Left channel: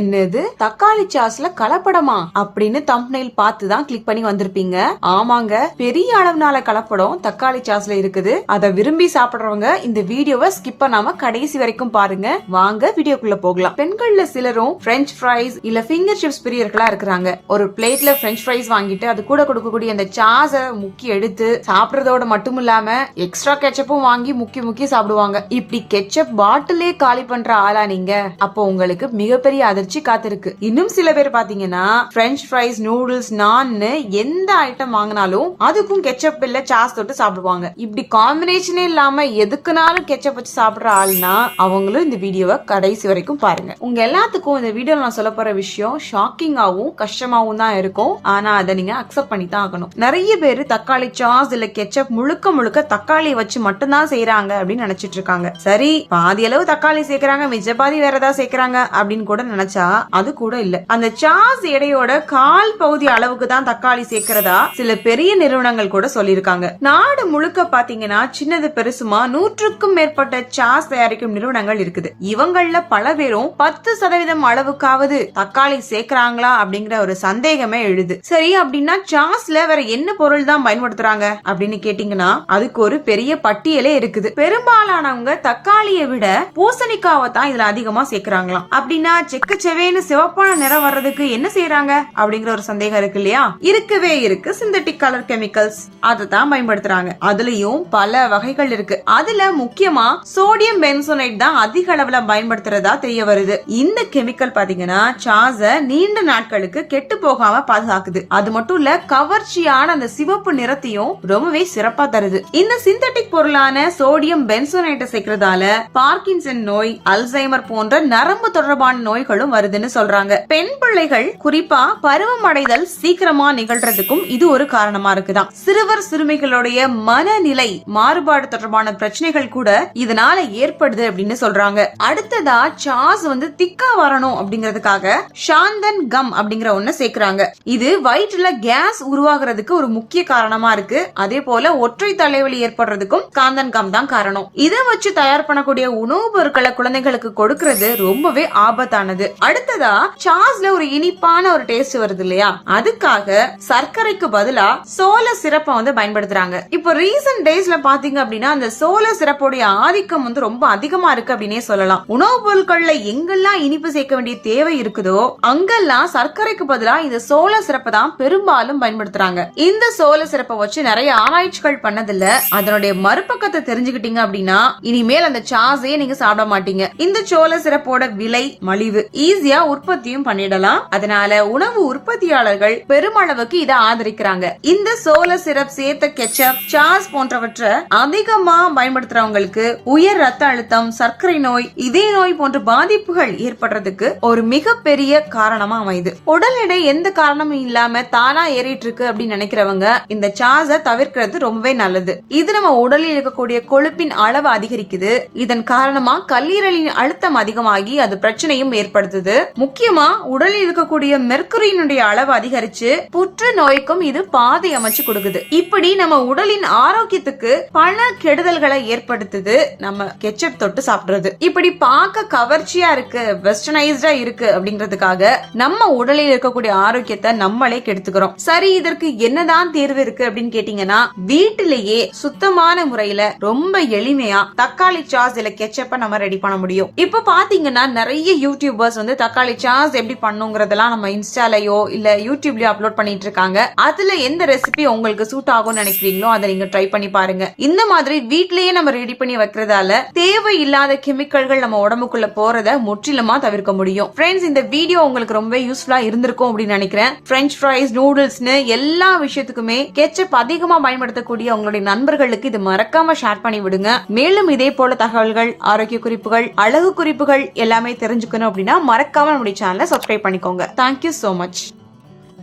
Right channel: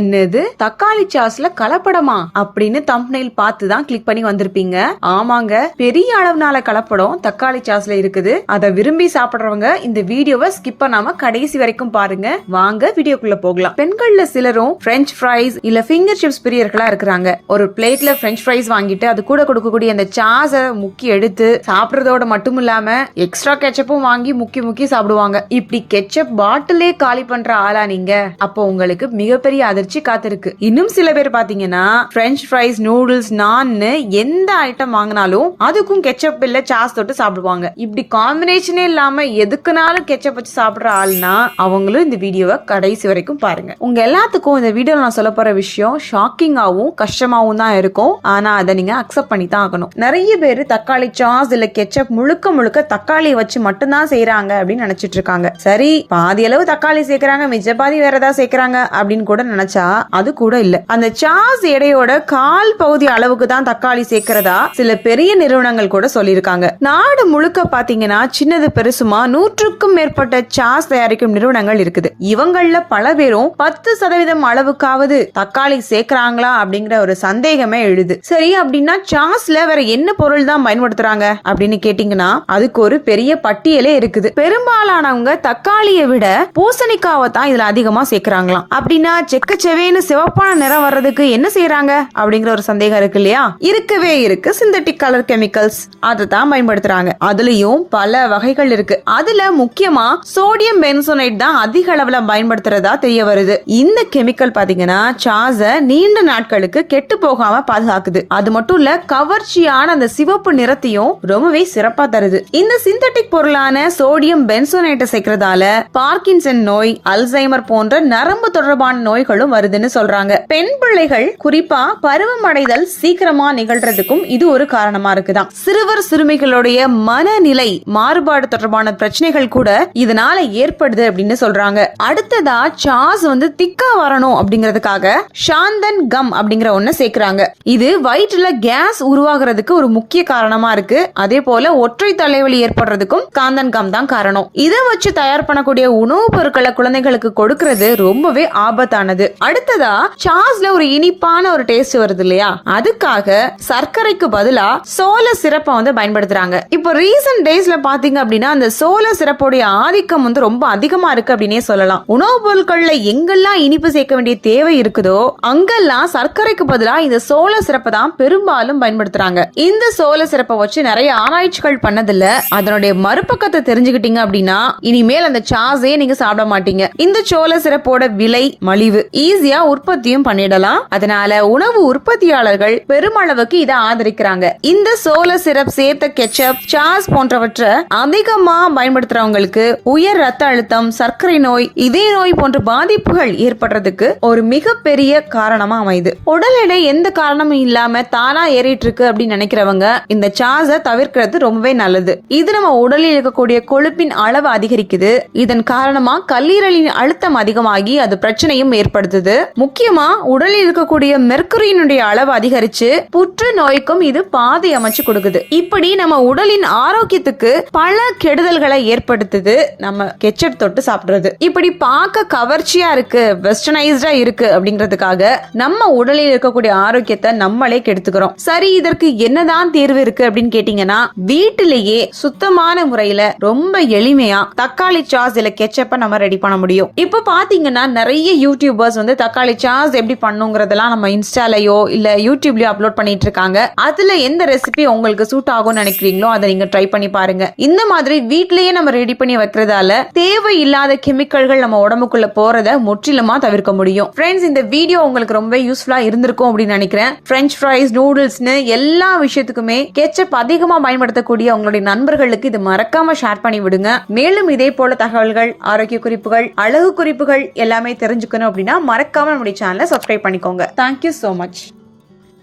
என்னது? தக்காளி சாஸ்ல கலப்படமா? அப்படின்னு தம்ப்னைல் பார்த்து தான் கிளிக் பண்ணி வந்திருப்பீங்க. ஆமாங்க. பெரிய அளவுனால கலப்படம் தக்காளி சாஸ்ல இருக்குது. அதை விரும்பி சாப்பிடுறவங்க இந்த வீடியோவை ஸ்கிப் பண்ணாம கடைசி வரைக்கும் பாருங்க. வாங்க வீடியோக்குள்ள போகலாம். பெண்கள்ல சிலரும் பிரெஞ்ச் ஃப்ரைஸ் இல்ல ஃபிங்கர் சிப்ஸ் பிரியர்களா இருக்கிறாங்க. ஒரு பிளேட்ல பிரெஞ்ச் ஃப்ரைஸ் வாங்கிட்டு அது கூட கொடுக்கக்கூடிய அந்த சாஸை முக்கி எடுத்து சாப்பிடுறதோட மட்டும் இல்லாம எக்ஸ்ட்ரா கெச்சப்பும் வாங்கி முக்கி முக்கி சாப்பிடுவாங்க. இப்படி கெச்சப் பாட்டிலே காலி பண்ற ஆளா நீங்க. அப்போ உங்களுக்கு மிகப்பெரிய அதிர்ச்சி காத்திருக்கு. இன்னும் சில பேர் பாத்தீங்கன்னா பிரெஞ்ச் ஃப்ரைஸ் நூடுல்ஸ் நான்னு எந்த ஐட்டம் வாங்கினாலும் அதுக்கும் கெச்சப் இல்ல சாஸ் தொட்டு சாப்பிடுவாங்க. இப்படி காம்பினேஷனே இல்லாம எதுக்குனாலும் கெச்சப் வச்சு சாப்பிடுற ஆள்னா அவங்களும் இந்த வீடியோவை கடைசி வரைக்கும் பாருங்க. உங்க எல்லாத்துக்கும் இந்த வீடியோல நான் சொல்ல போற விஷயம் ஷாக்கிங்காவும் கஷ்டமாவும் தான் இருக்கும். ஆனா அதை நீங்க அக்செப்ட் பண்ணி தான் ஆகணும். நிறைய பேர் தக்காளி சாஸ் இல்ல கெச்சப் முழுக்க முழுக்க தக்காளியை வச்சு மட்டும்தான் செய்யறாங்க அப்படின்னு நினைச்சிட்டு இருக்காங்க. சரி பாதி அளவு தக்காளி சேர்க்கறாங்க மிச்ச பாதி வேற ஏதாவது சேர்க்கறாங்க அப்படின்னு கூட நினைச்சா அது கூட இல்ல. அந்த சாஸ் எடையோட கால் பகுதி அளவுக்கு தான் தக்காளி சேர்க்கிறதா சில பெரிய நிறுவனங்கள் கூட சொல்லியிருக்காங்க. நாடு முழுக்க பாத்தீங்கன்னா சின்னது பெருசுமா நூற்றுக்கும் மேற்பட்ட சாஸ் தயாரிக்கும் நிறுவனங்கள் இருக்குது. இவங்கள பல பேரும் பத்து சதவீதம் அளவுக்காவது தக்காளி சேர்க்கறாங்களா அப்படிங்கிற ஒரு சந்தேகமே எழுது. சரி அப்படின்னா சாஸ்ல வேற என்ன பொருள் தான் பயன்படுத்துறாங்க அப்படின்னு கேட்டீங்கன்னா அதுக்கு ஒரு பெரிய பட்டியலே இருக்குது. பெரும்பாலானவங்க தக்காளியை விட பூசணிக்காவை தான் இதுல அதிகமா சேர்க்கறாங்களாம். அப்படின்னா செவேன்னு சிவப்பான நிறம் வர்றதுக்கு என்ன செய்யறாங்க அப்படிங்கிற ஒரு சந்தேகம் இருக்கு இல்லையா? இருக்கவே இருக்கு சிந்தட்டிக் கலர் கெமிக்கல்ஸ் அதை தான் பயன்படுத்துறாங்க. அதுலயும் பல வகைகள் இருக்கு. அதுல முக்கியமா சோடியம் பென்சோனைட் தான் அதிக அளவுல பயன்படுத்துறதா தெரிய வருது. இந்த கெமிக்கல் பாத்தீங்கன்னா சாஸ நீண்ட நாட்களுக்கு கெட்டு போகாம பாதுகாக்குது. அது மட்டும் இல்ல கவர்ச்சியான அந்த சிவப்பு நிறத்தையும் ரொம்பவே சிறப்பா தருது. இந்த சிந்தட்டிக் பொருளான சோடியம் பென்சோனைட்டை சேர்க்கறதால பார்க்கின்சன் நோய் அல்சைமர் போன்ற நரம்பு தொடர்பான நோய்களும் வருதுன்னு சொல்றாங்க. பெண் பிள்ளைகள் குறிப்பா பருவமடைதல் சீக்கிரமா நிகழ்றதுக்கும் இது ஒரு காரணமா இருக்குதான். சிறுவர் சிறுமிகளுடைய மனநிலை மாறுபாடு தொடர்பான பிரச்சனைகள் கூட இதனால ஏற்படுது அப்படின்னு சொல்றாங்க. அடுத்ததா சாஸ் வந்து திக்கா வரணும் அப்படிங்கறதுக்காக சாந்தன் கம் அப்படிங்கிற ஒண்ணு சேர்க்கிறாங்க. இது வயிற்றுல கேஸ் உருவாகிறதுக்கு ஒரு முக்கிய காரணமா இருக்கு. அதே போல ஒற்றை தலைவலி ஏற்படுறதுக்கும் காந்தன் கம் தான் காரணம். இதை வச்சு தயார் பண்ணக்கூடிய உணவுப் பொருட்களை குழந்தைகளுக்கு கொடுக்கறது ரொம்பவே ஆபத்தானது. அடுத்ததா சாஸ்ல ஒரு இனிப்பான ஒரு டேஸ்ட் வருது இல்லையா? அதுக்காக சர்க்கரைக்கு பதிலா சோள சிறப்பை வந்து பயன்படுத்துறாங்க. இப்போ ரீசன்ட் டேஸ்ல பாத்தீங்க அப்படின்னா அந்த சோள சிறப்புடைய ஆதிக்கம் வந்து ரொம்ப அதிகமா இருக்கு அப்படின்னே சொல்லலாம். உணவுப் பொருட்கள்ல எங்கெல்லாம் இனிப்பு சேர்க்க வேண்டிய தேவை இருக்குதோ அங்கெல்லாம் சர்க்கரைக்கு பதிலா இந்த சோள சிறப்பை தான் பெரும்பாலும் பயன்படுத்துறாங்க. இந்த சோள சிறப்பை வச்சு நிறைய ஆராய்ச்சிகள் பண்ணதில்ல அதனுடைய மறுபக்கத்தை தெரிஞ்சுக்கிட்டீங்க அப்படின்னா இனிமேல் அந்த சாஸே நீங்க சாப்பிட மாட்டீங்க. இந்த சோள சிறப்போட விலை மலிவு. ஈஸியா உற்பத்தியும் பண்ணிடலாம். அதனால உணவு உற்பத்தியாளர்கள் பெருமளவுக்கு இதை ஆதரிக்கிறாங்க. இந்த சோள சிரப் சேர்த்த கெச்சப் சாஸ் போன்றவற்றை அதிகமா பயன்படுத்துறவங்களுக்கு உயர் ரத்த அழுத்தம் சர்க்கரை நோய் இதய நோய் போன்ற பாதிப்புகள் ஏற்படுறதுக்கு ஒரு மிகப்பெரிய காரணமா அமையுது. உடல் எடை எந்த காரணமும் இல்லாம தானா ஏறிட்டு இருக்கு அப்படின்னு நினைக்கிறவங்க இந்த சாஸ தவிர்க்கிறது ரொம்பவே நல்லது. இது நம்ம உடலில் இருக்கக்கூடிய கொழுப்பின் அளவு அதிகரிக்குது. இதன் காரணமா கல்லீரலின் அழுத்தம் அதிகமாகி அது பிரச்சனையும் ஏற்படுது ஏற்படுத்துது முக்கியமா உடலில் இருக்கக்கூடிய மெர்க்கரியினுடைய அளவு அதிகரிச்சு புற்று நோய்க்கும் இது பாதை அமைச்சு கொடுக்குது. இப்படி நம்ம உடலின் ஆரோக்கியத்துக்கு பல கெடுதல்களை ஏற்படுத்துது நம்ம கெச்சப் தொட்டு சாப்பிடுறது. இப்படி பார்க்க கவர்ச்சியா இருக்கு வெஸ்டர்னைஸ்டா இருக்கு அப்படிங்கிறதுக்காக நம்ம உடலில் இருக்கக்கூடிய ஆரோக்கியத்தை நம்மளே கெடுத்துக்கிறோம். சரி இதற்கு என்னதான் தீர்வு இருக்கு அப்படின்னு கேட்டீங்கன்னா வீட்டிலேயே சுத்தமான முறையில ரொம்ப எளிமையா தக்காளி சாஸ் இல்ல கெச்சப்ப நம்ம ரெடி பண்ண முடியும். இப்போ பாத்தீங்கன்னா நிறைய யூடியூபர்ஸ் வந்து தக்காளி சாஸ் எப்படி பண்ணுங்கிறதெல்லாம் நம்ம இன்ஸ்டாலையோ இல்ல யூடியூப்லயோ அப்லோட் பண்ணிட்டு இருக்காங்க அதுல எந்த ரெசிபி உங்களுக்கு சூட் ஆகும்னு நினைக்கிறீங்களோ அதை நீங்க ட்ரை பண்ணி பாருங்க. இந்த மாதிரி வீட்லயே நம்ம ரெடி பண்ணி வைக்கிறதால தேவையில்லாத கெமிக்கல்கள் நம்ம உடம்புக்குள்ள போறத முற்றிலுமா தவிர்க்க முடியும். ஃப்ரெண்ட்ஸ் இந்த வீடியோ உங்களுக்கு ரொம்ப யூஸ்ஃபுல்லா இருந்திருக்கும் அப்படின்னு நினைக்கிறேன். பிரெஞ்ச் ஃப்ரைஸ் நூடுல்ஸ்னு எல்லா விஷயத்துக்குமே கெச்சப் அதிகமா பயன்படுத்தக்கூடிய உங்களுடைய நண்பர்களுக்கு இது மறக்காம ஷேர் பண்ணி விடுங்க. மேலும் இதே போல தகவல்கள் ஆரோக்கிய குறிப்புகள் அழகு குறிப்புகள் எல்லாமே தெரிஞ்சுக்கணும் அப்படின்னா மறக்காம நம்முடைய சேனலை சப்ஸ்கிரைப் பண்ணிக்கோங்க. தேங்க்யூ so மச்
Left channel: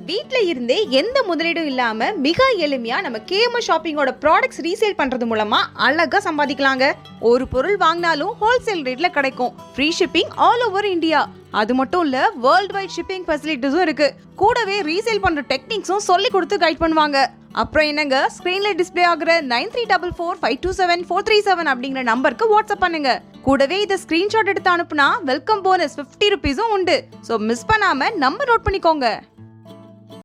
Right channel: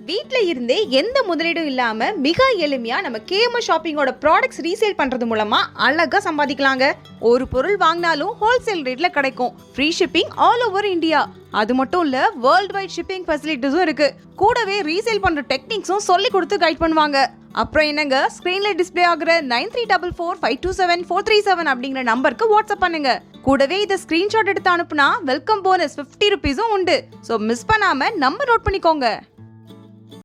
வீட்ல இருந்தே எந்த முதலீடும் இல்லாம மிக எளிமையா நம்ம கேஎம் ஷாப்பிங்கோட ப்ராடக்ட்ஸ் ரீசேல் பண்றது மூலமா அழகா சம்பாதிக்கலாங்க. ஒரு பொருள் வாங்கினாலும் ஹோல்சேல் ரேட்ல கிடைக்கும். Free shipping all over India அது மட்டும் இல்ல வேர்ல்ட் வைட் ஷிப்பிங் ஃபெசிலிட்டிஸும் இருக்கு. கூடவே ரீசேல் பண்ற டெக்னிக்ஸும் சொல்லி கொடுத்து கைட் பண்ணுவாங்க. அப்புறம் என்னங்க? ஸ்க்ரீனில் டிஸ்பிளே ஆகுற nine three double four five two seven four three seven அப்படிங்கிற நம்பருக்கு வாட்ஸ்அப் பண்ணுங்க. கூடவே இதை ஸ்க்ரீன்ஷாட் எடுத்து அனுப்புனா வெல்கம் போனஸ் ஃபிஃப்டி ருபீஸும் உண்டு. ஸோ மிஸ் பண்ணாமல் நம்பர் நோட் பண்ணிக்கோங்க.